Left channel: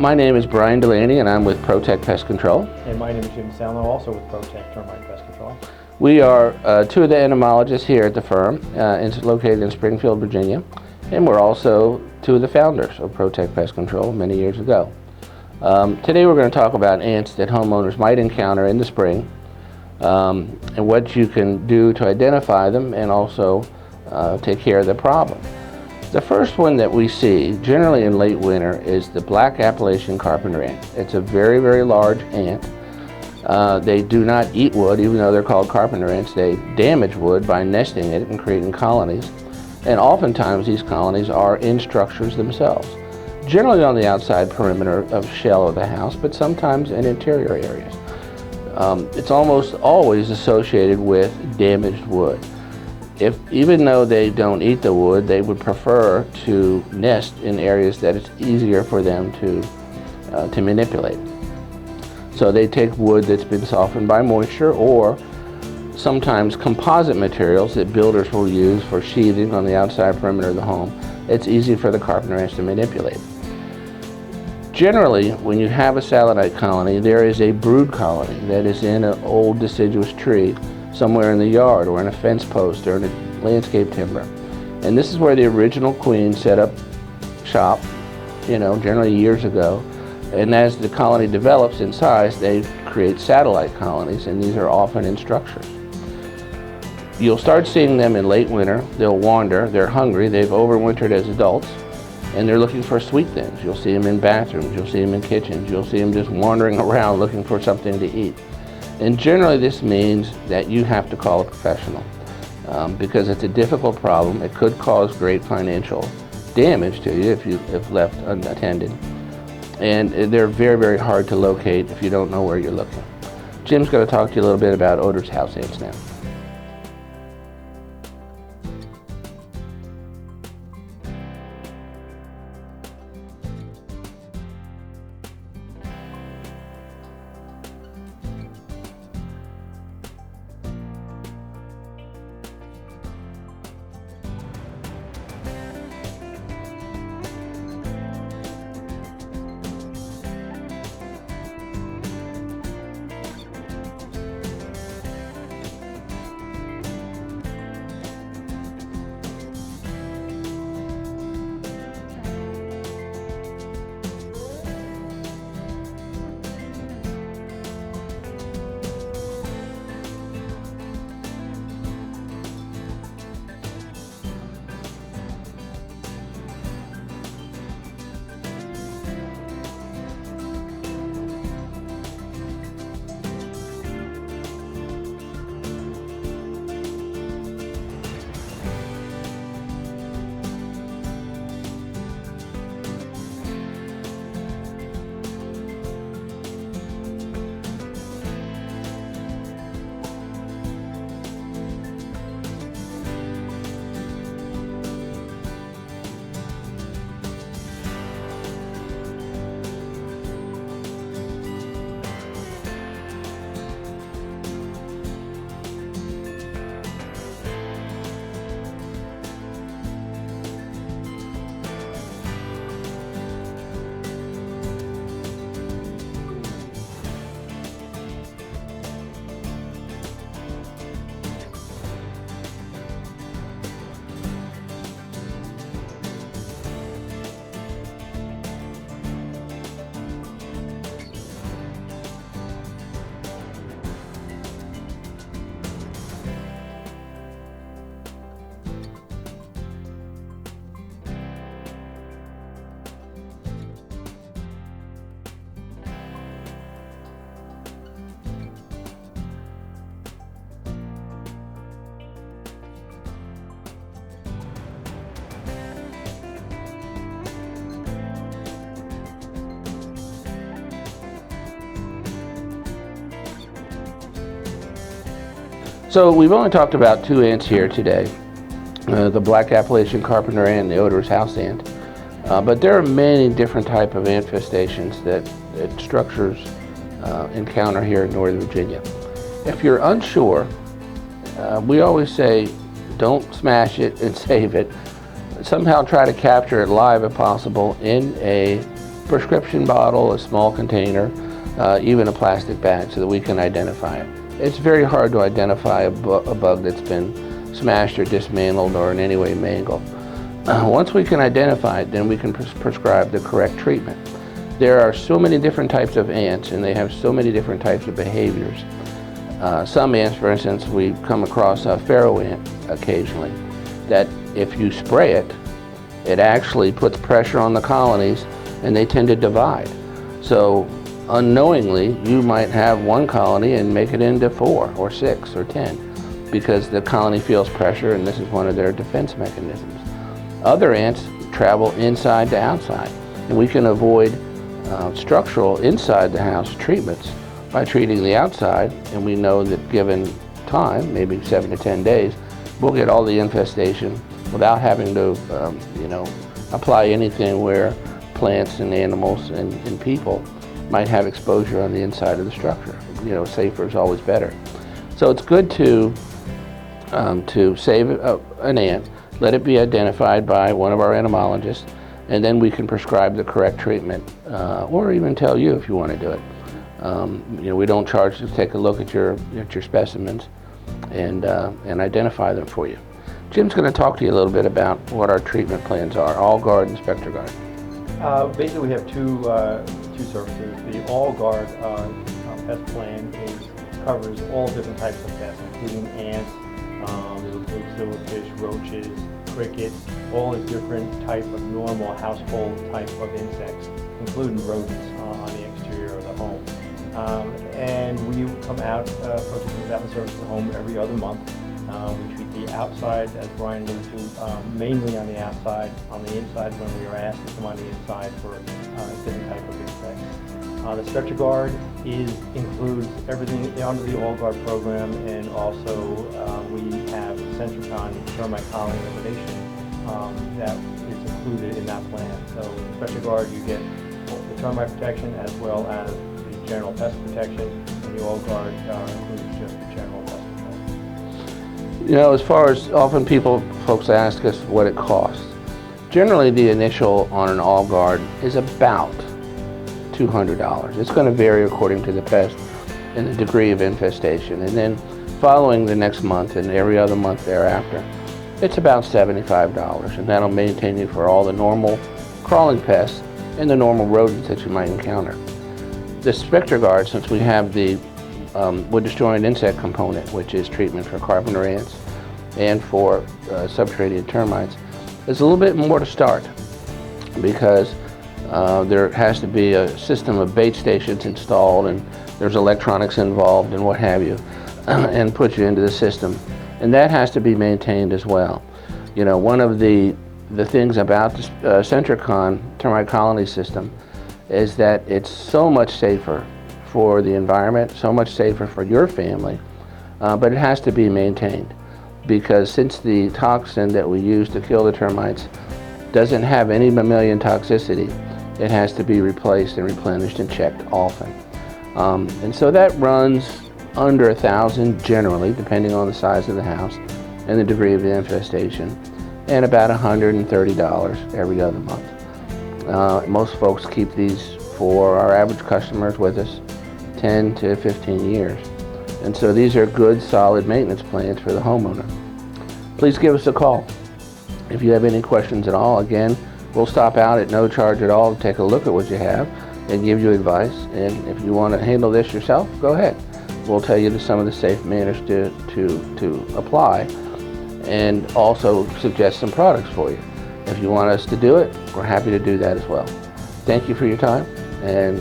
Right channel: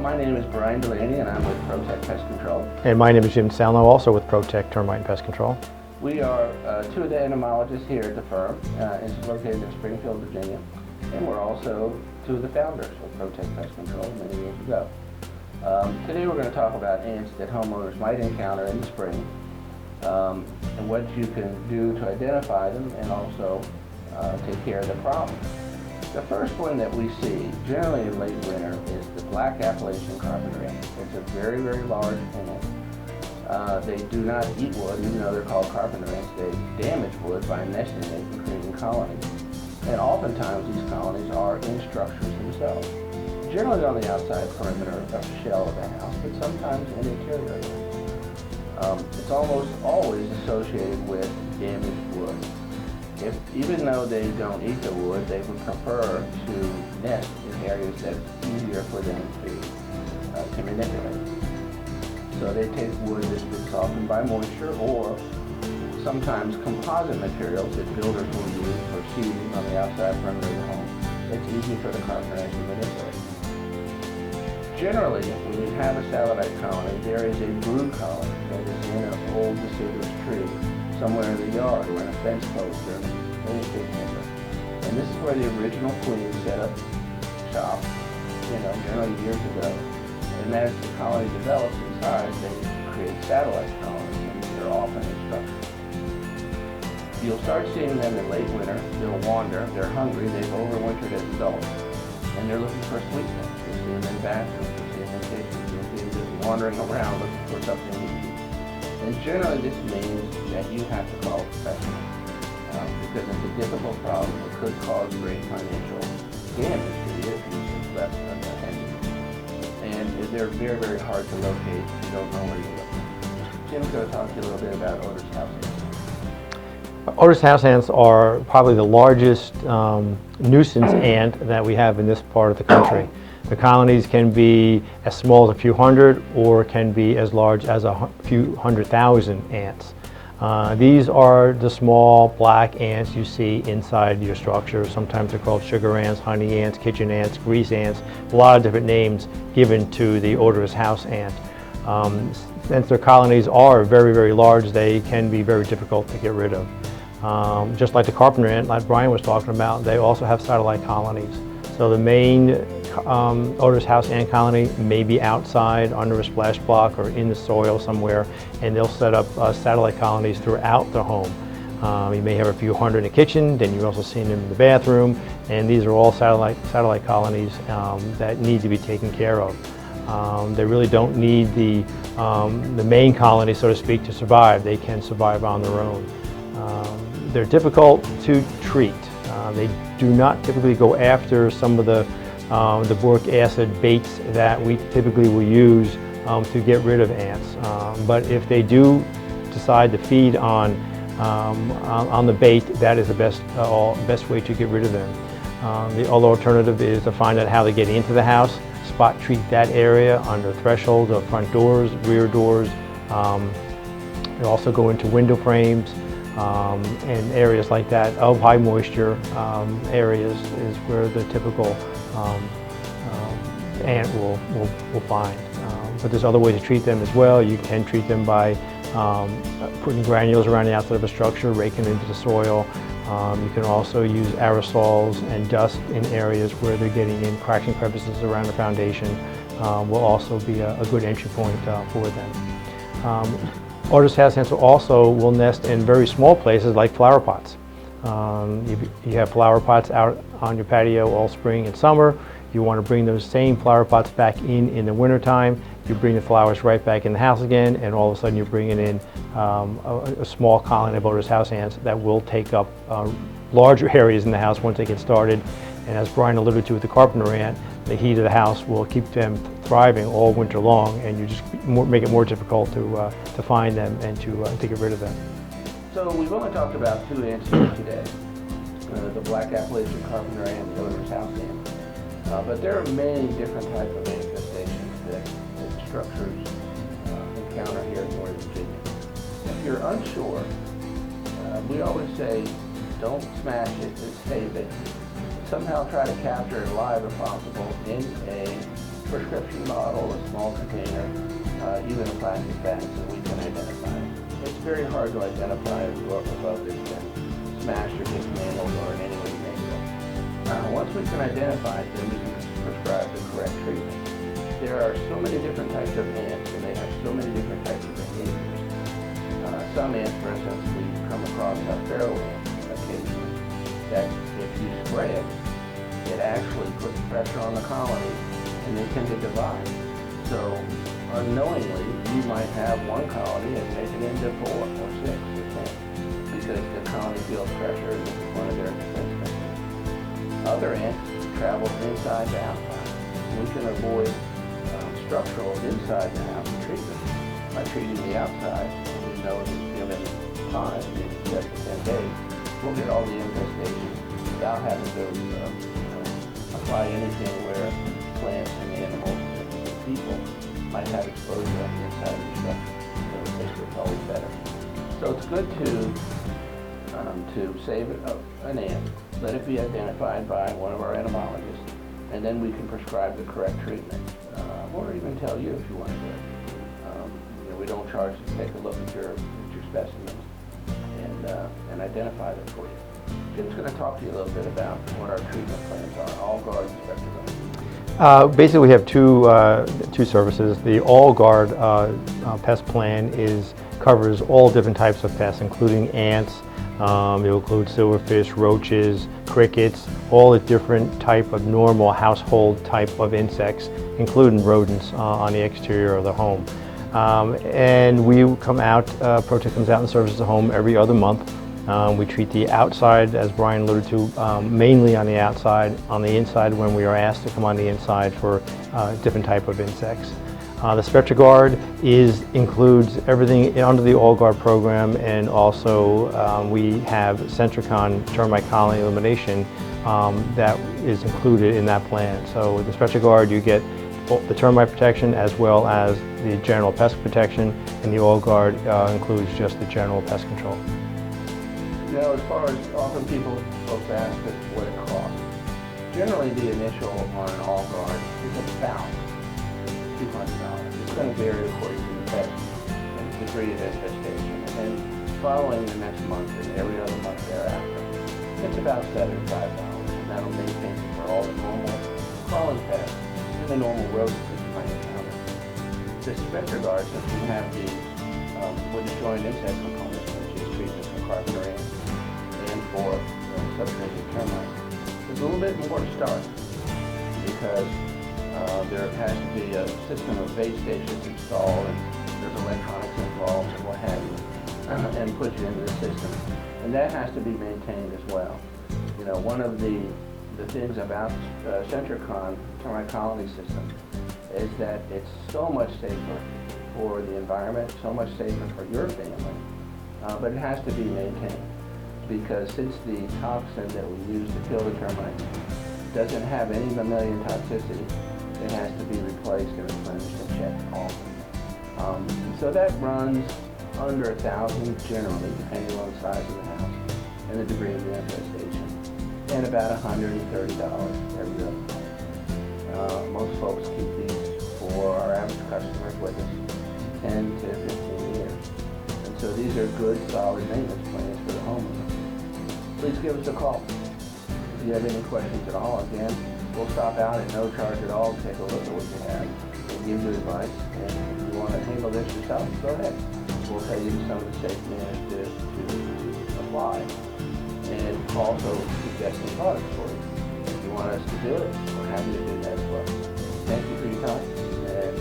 my name is Brian Delaney and I'm with Protect Pest Control. And my name is Jim Salno, also with Protect Termite and Pest Control. We are two of the entomologists here at the firm. It's located in Springfield, Virginia. And we're also two of the founders of Protect Pest Control many years ago. Today we're going to talk about ants that homeowners might encounter in the spring and what you can do to identify them and also take care of the problem. The first one that we see, generally in late winter, is the black Appalachian carpenter ant. It's a very, very large ant. They do not eat wood, even though they're called carpenter ants. They damage wood by nesting it and creating colonies. And oftentimes these colonies are in structures themselves, generally on the outside perimeter of the shell of the house, but sometimes in interior areas. It's almost always associated with damaged wood. Even though they don't eat the wood, they would prefer to nest in areas that it's easier for them to manipulate. So they take wood that's been softened by moisture, or sometimes composite materials that builders will use for sheathing on the outside perimeter of the home. It's easy for the carpenter ants to manipulate. Generally, when you have a Salonite colony, there is a brood colony that is in an old deciduous tree somewhere in the yard, or in a fence post, or in a landscape timber. And this is where the original queen set up shop, generally years ago. And as the colony develops in size, they create satellite colonies, and these are often in structure. You'll start seeing them in late winter. They'll wander, they're hungry, they've overwintered as adults, and they're looking for sweet things. You'll see them in bathrooms, you'll see them in kitchens, you'll see them just wandering around looking for something to eat. And generally this means that you have to call a professional because it's a difficult problem. It could cause great financial damage to you if you have left unattended. And they're very, very hard to locate if you don't know where you're looking. Jim's going to talk to you a little bit about Oder's house ants now. Oder's house ants are probably the largest nuisance ant that we have in this part of the country. The colonies can be as small as a few hundred, or can be as large as a few 100,000 ants. These are the small black ants you see inside your structure. Sometimes they're called sugar ants, honey ants, kitchen ants, grease ants, a lot of different names given to the odorous house ant. Since their colonies are very, very large, they can be very difficult to get rid of. Just like the carpenter ant, like Brian was talking about, they also have satellite colonies. So the main odorous house ant colony may be outside under a splash block or in the soil somewhere, and they'll set up satellite colonies throughout the home. You may have a few hundred in the kitchen, then you also see them in the bathroom, and these are all satellite colonies that need to be taken care of. They really don't need the main colony, so to speak, to survive. They can survive on their own. They're difficult to treat. They do not typically go after some of the boric acid baits that we typically will use to get rid of ants. But if they do decide to feed on the bait, that is the best way to get rid of them. The other alternative is to find out how they get into the house, spot treat that area on the thresholds of front doors, rear doors. They also go into window frames. And areas like that of high moisture areas is where the typical ant will find. But there's other ways to treat them as well. You can treat them by putting granules around the outside of a structure, raking into the soil. You can also use aerosols and dust in areas where they're getting in. Cracks and crevices around the foundation will also be a good entry point for them. Odorous house ants also will nest in very small places like flower pots. You have flower pots out on your patio all spring and summer. You want to bring those same flower pots back in the wintertime. You bring the flowers right back in the house again, and all of a sudden you're bringing in a small colony of odorous house ants that will take up larger areas in the house once they get started. And as Brian alluded to with the carpenter ant, the heat of the house will keep them thriving all winter long, and you just make it more difficult to find them and to get rid of them. So we've only talked about two ants here today, the black Appalachian carpenter ant and the odorous house ant. But there are many different types of infestations that structures encounter here in Northern Virginia. If you're unsure, we always say don't smash it and save it. Somehow try to capture it live if possible in a prescription bottle, a small container, even a plastic bag so that we can identify it. It's very hard to identify a bug that's been smashed or dismantled or in any way mangled. Once we can identify it, then we can prescribe the correct treatment. There are so many different types of ants, and they have so many different types of behaviors. Some ants, for instance, we come across a pharaoh ant occasionally, that if you spray it, it actually puts pressure on the colonies and they tend to divide. So unknowingly, you might have one colony and make it into 4 or 6 or 10 because the colony feels pressure and this is one of their defense mechanisms. Other ants travel inside to outside, and we can avoid structural inside the house treatments by treating the outside, and we know that given time, maybe 7 to 10 days, we'll get all the infestation without having to apply anything where plants and animals and people might have exposure on the inside of the structure. Safer is always better. So it's good to save an ant, let it be identified by one of our entomologists, and then we can prescribe the correct treatment, or even tell you if you want to do it. We don't charge to take a look at your specimens and identify them for you. Jim's going to talk to you a little bit about what our treatment plans are, AllGuard and SpectraGuard. Basically, we have two services. The AllGuard pest plan covers all different types of pests, including ants. It will include silverfish, roaches, crickets, all the different type of normal household type of insects, including rodents on the exterior of the home. And we come out, Protect comes out and services the home every other month. We treat the outside, as Brian alluded to, mainly on the outside. On the inside, when we are asked to come on the inside for different type of insects. The SpectraGuard includes everything under the AllGuard program, and also we have Sentricon termite colony elimination that is included in that plan. So with the SpectraGuard, you get the termite protection as well as the general pest protection, and the AllGuard includes just the general pest control. As far as often folks ask us what it costs. Generally, the initial on an AllGuard is about $200. It's going to vary according to the pest and the degree of infestation. And then following the next month and every other month thereafter, it's about $75, and that'll maintain you for all the normal crawling pests and the normal rodents that you might encounter. The SpectraGuard, since we have the wood destroying insect component, which is treatment for carpenter ants and for subterranean termites, is a little bit more to start because there has to be a system of bait stations installed, and there's electronics involved and what have you, and put you into the system. And that has to be maintained as well. One of the things about the Sentricon termite colony system is that it's so much safer for the environment, so much safer for your family, but it has to be maintained because since the toxin that we use to kill the termites doesn't have any mammalian toxicity, it has to be replaced and replenished and checked often. And so that runs under $1,000 generally, depending on the size of the house and the degree of the infestation, and about $130 every other month. Most folks keep these for our average customers with us 10 to 15 years. And so these are good, solid maintenance plans for the homeowner. Please give us a call. If you have any questions at all, again, we'll stop out at no charge at all to take a look at what you have and give you advice. And if you want to handle this yourself, go ahead. We'll tell you some of the safe manners to apply and also suggest some products for you. If you want us to do it, we're happy to do that as well. Thank you for your time, and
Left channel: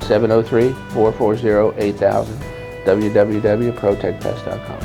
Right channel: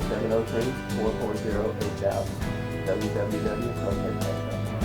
703-440-8000, www.protectpest.com.